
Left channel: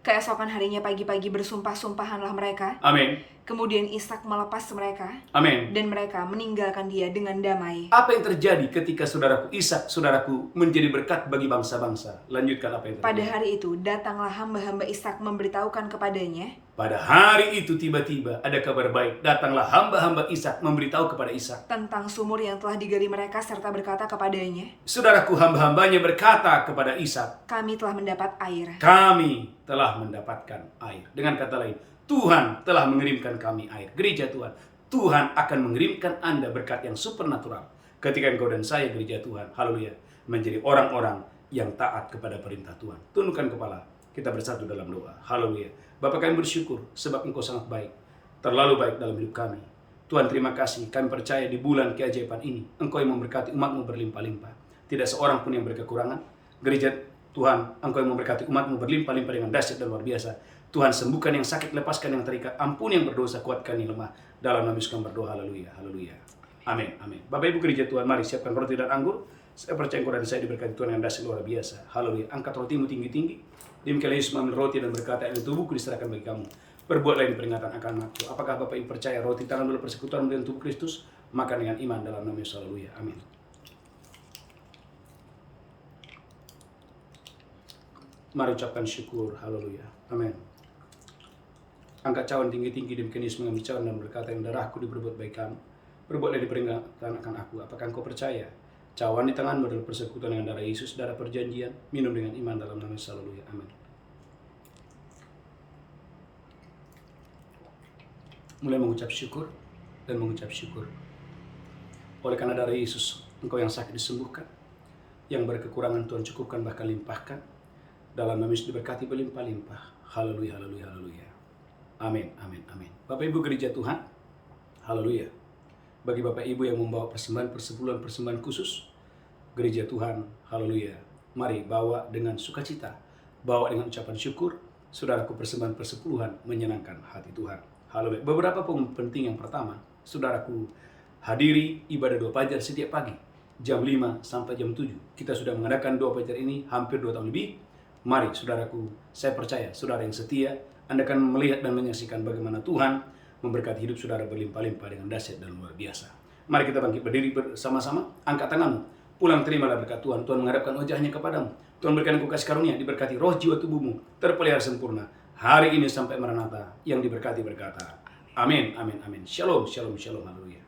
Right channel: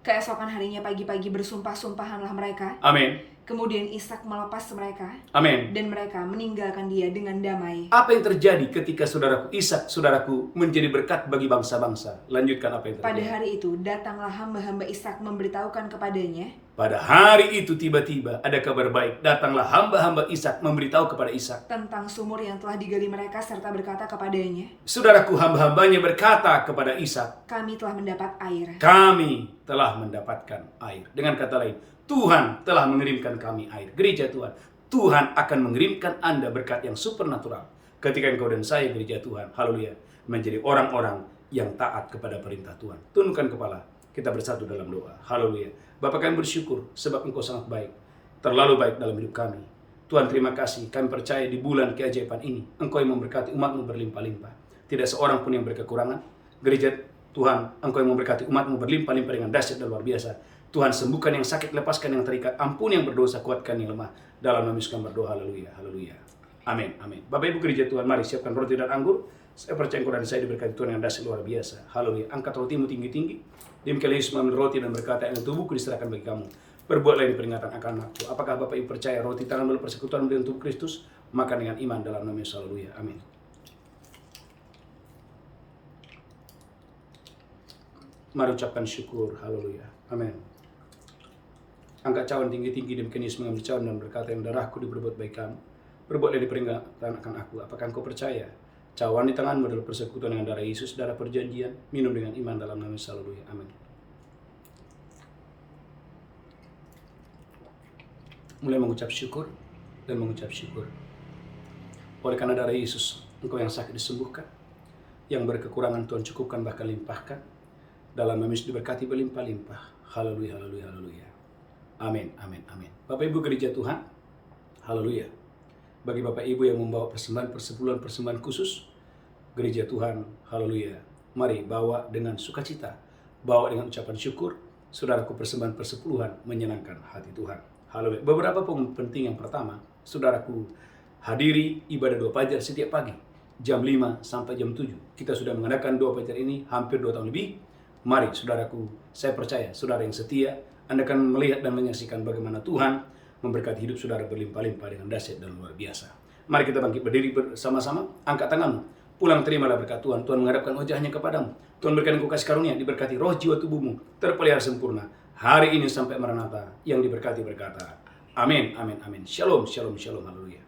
Keesokan harinya pagi-pagi bersumpah-sumpahanlah mereka. Amin. Kemudian Ishak melepas mereka, Amin. dan mereka meninggalkan dia dengan damai. Apa yang terjadi ketika saudaraku Ishak, saudaraku, menjadi berkat bagi bangsa-bangsa? Lanjutkan apa yang terjadi. Pada hari itu datanglah hamba-hamba Ishak memberitahukan kepadanya, Pada hari itu tiba-tiba ada kabar baik. Datanglah hamba-hamba Ishak memberitahu kepada Ishak. tentang sumur yang telah digali mereka serta berkata kepadanya, Saudaraku, hamba-hambanya berkata kepada Ishak, kami telah mendapat air. kami telah mendapatkan air. Dengan kata lain, Tuhan telah mengirimkan kami air. Gereja Tuhan, Tuhan akan mengirimkan Anda berkat yang supernatural. Ketika engkau dan saya, gereja Tuhan, haleluya, menjadi orang-orang yang taat kepada perintah Tuhan. Tundukkan kepala, kita bersatu dalam doa. Haleluya. Bapak, kami bersyukur sebab engkau sangat baik. Terlalu baik dalam hidup kami. Tuhan, terima kasih. Kami percaya di bulan keajaiban ini, engkau yang memberkati umatmu berlimpah-limpah. Tidak seorang pun yang berkekurangan. Gereja Tuhan, engkau yang memberkati umatmu berlimpah-limpah dengan dahsyat dan luar biasa. Tuhan, sembuhkan yang sakit, lepaskan yang terikat, ampuni yang berdosa, kuatkan yang lemah. Dalam nama Yesus kami berdoa, haleluya, haleluya. Amin, amin. Bapak Ibu gereja Tuhan, mari siapkan roti dan anggur. Saya percaya engkau dan saya diberkati Tuhan dengan dahsyat luar biasa. Haleluya. Angkat rotimu tinggi-tinggi. Demikian Yesus mengambil roti dan berkata, ini tubuhku diserahkan bagi kamu. Perbuatlah ini peringatan akan aku. Apakah Bapak Ibu percaya roti tangan dalam persekutuan dengan tubuh Kristus? Makan dengan iman dalam nama Yesus. Haleluya. Amin. Mari ucapkan syukur. Haleluya. Amin. Angkat cawan tinggi-tinggi. Demikian Yesus mengambil cawan dan berkata, yang darahku diperbuat baik kamu. Perbuatlah ini peringatan akan aku. Apakah engkau percaya? Cawan di tanganmu adalah persekutuan dengan darah Yesus, darah perjanjian. Minum dengan iman dalam nama Yesus. Haleluya. Amin. mulai mengucap syukur dan mengucap syukur. Oleh karena darah Yesus, engkau yang sakit disembuhkan, yang berkekurangan Tuhan cukupkan bahkan limpahkan, dalam nama Yesus diberkati berlimpah-limpah. Haleluya, haleluya, haleluya. Amin, amin, amin. Bapak Ibu gereja Tuhan, haleluya. Bagi Bapak Ibu yang membawa persembahan persepuluhan, persembahan khusus, gereja Tuhan, haleluya. Mari bawa dengan sukacita, bawa dengan ucapan syukur, saudaraku persembahan persepuluhan menyenangkan hati Tuhan. Haleluya. Beberapa penting yang pertama, saudaraku, hadiri ibadah doa fajar setiap pagi, jam 5 sampai jam 7. Kita sudah mengadakan doa fajar ini hampir 2 tahun lebih. Mari saudaraku, saya percaya saudara yang setia, Anda akan melihat dan menyaksikan bagaimana Tuhan memberkati hidup saudara berlimpah-limpah dengan dahsyat dan luar biasa. Mari kita bangkit berdiri bersama-sama, angkat tanganmu, pulang terimalah berkat Tuhan. Tuhan menghadapkan wajahnya kepadamu. Tuhan berikan engkau kasih karunia, diberkati roh jiwa tubuhmu, terpelihara sempurna. Hari ini sampai Maranatha, yang diberkati berkata, amin, amin, amin. Shalom, shalom, shalom, haleluya.